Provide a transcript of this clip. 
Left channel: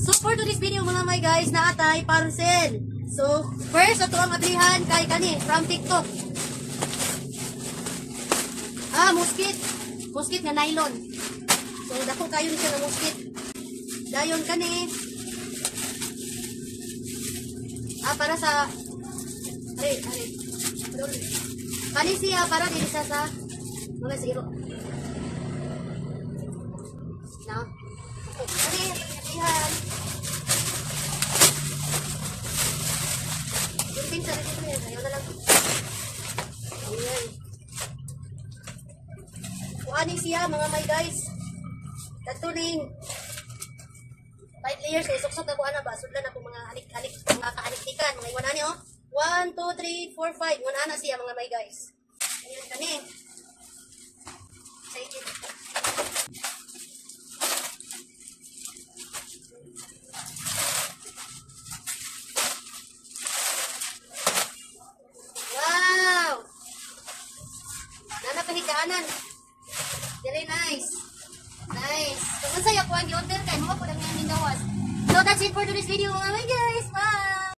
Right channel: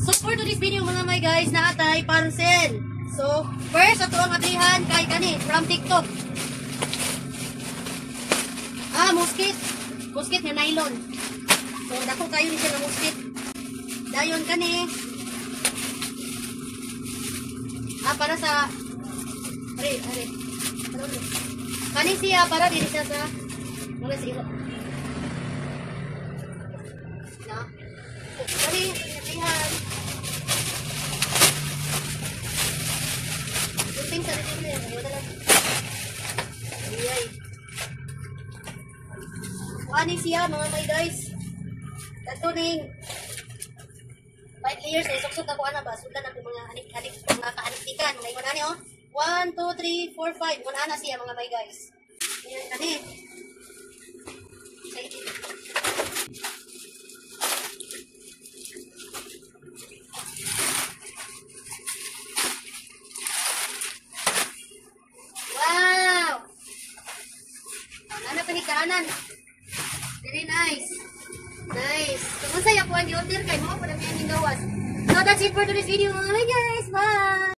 So for today's video mga may guys, naatay parcel. So first ato ang ablihan kay kani from TikTok. Musket nga nylon. So dako kayo ni siya ng musket. Dayon kani. Para sa are. Kani siya para dili siya sa mga zero. No. Kani ablihan. Kunting sa dito niya, ayo na lang. Ayay. Kuani siya mga may guys. Katuling 5 layers ay suksok ako ana ba sudlan ako mga anik-anik mga kaaniktikan mga iwan ani oh. 1 2 3 4 5 una ana siya mga may guys. Ayan kani. Excited. Wow! Ana panikanan. Very nice. Nice. So, kung saya po ang i-order kay mo po lang yan gawas. So, that's it for today's video mga guys. Bye!